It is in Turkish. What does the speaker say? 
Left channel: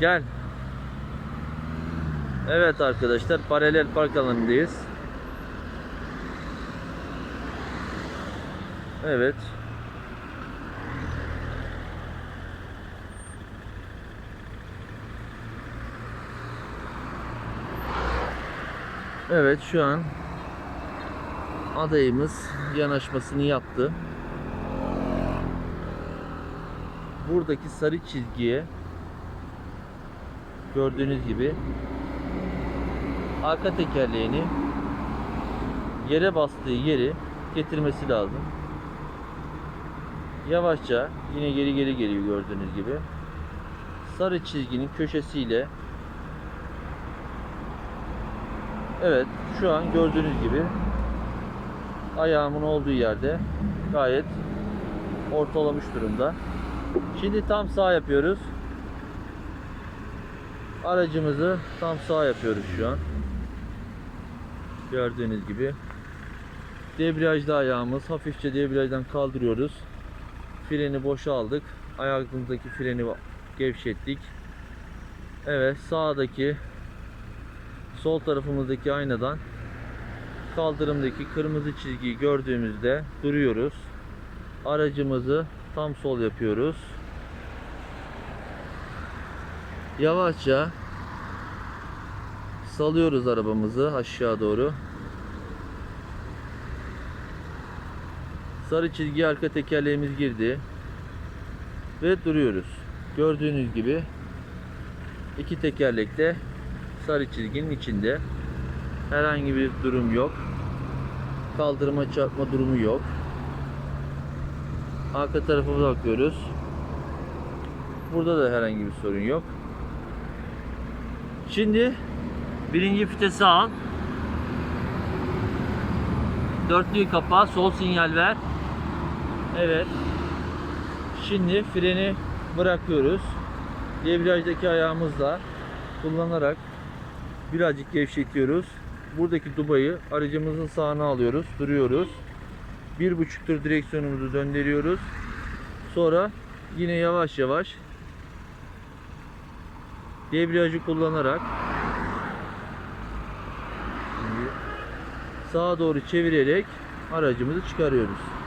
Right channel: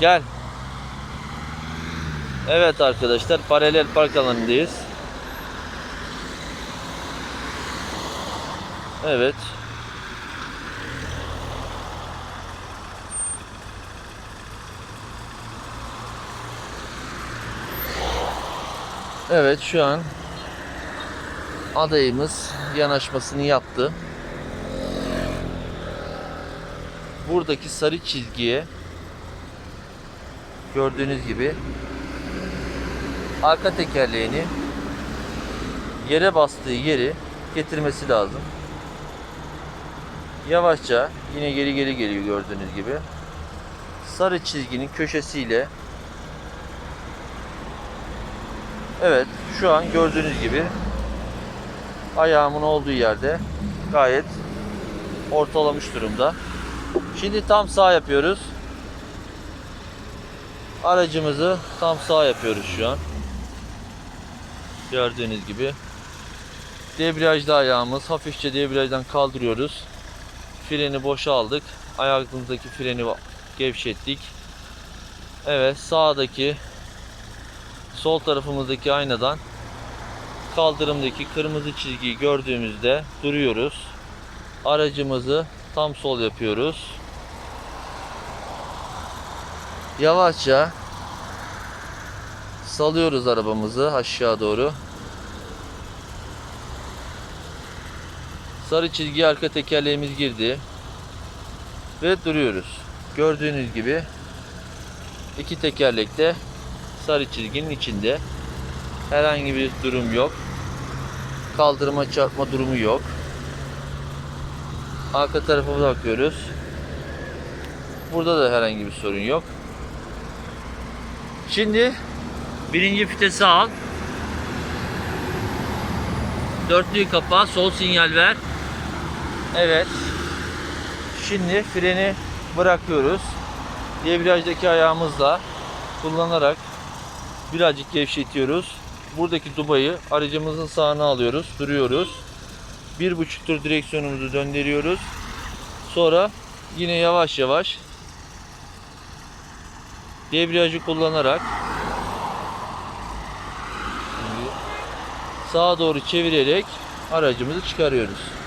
Gel. Evet arkadaşlar paralel park alanındayız. Evet. Evet şu an adayımız yanaşmasını yaptı. Buradaki sarı çizgiye gördüğünüz gibi arka tekerleğini yere bastığı yeri getirmesi lazım. Yavaşça yine geri geri geliyor gördüğünüz gibi. Sarı çizginin köşesiyle Evet şu an gördüğünüz gibi ayağımın olduğu yerde gayet ortalamış durumda. Şimdi tam sağ yapıyoruz. Aracımızı tam sağ yapıyoruz şu an. Gördüğünüz gibi. Debriyajda ayağımız hafifçe debriyajdan kaldırıyoruz. Freni boşa aldık. Ayağımızdaki freni gevşettik. Evet sağdaki sol tarafımızdaki aynadan kaldırımdaki kırmızı çizgiyi gördüğümüzde duruyoruz. Aracımızı tam sol yapıyoruz. Yavaşça salıyoruz arabamızı aşağı doğru. Sarı çizgi arka tekerleğimiz girdi. Ve duruyoruz. Gördüğünüz gibi iki tekerlekte sarı çizginin içinde. Herhangi bir durum yok. Kaldırıma çarpma durumu yok. Arka tarafa bakıyoruz. Burada da herhangi bir sorun yok. Şimdi birinci vitesi al. Dörtlüyü kapa, sol sinyal ver. Evet. Şimdi freni bırakıyoruz. Debriyajdaki ayağımızla kullanarak birazcık gevşetiyoruz. Buradaki dubayı aracımızın sağına alıyoruz, duruyoruz. Bir buçuk tur direksiyonumuzu döndürüyoruz. Sonra yine yavaş yavaş debriyajı kullanarak şimdi sağa doğru çevirerek aracımızı çıkarıyoruz.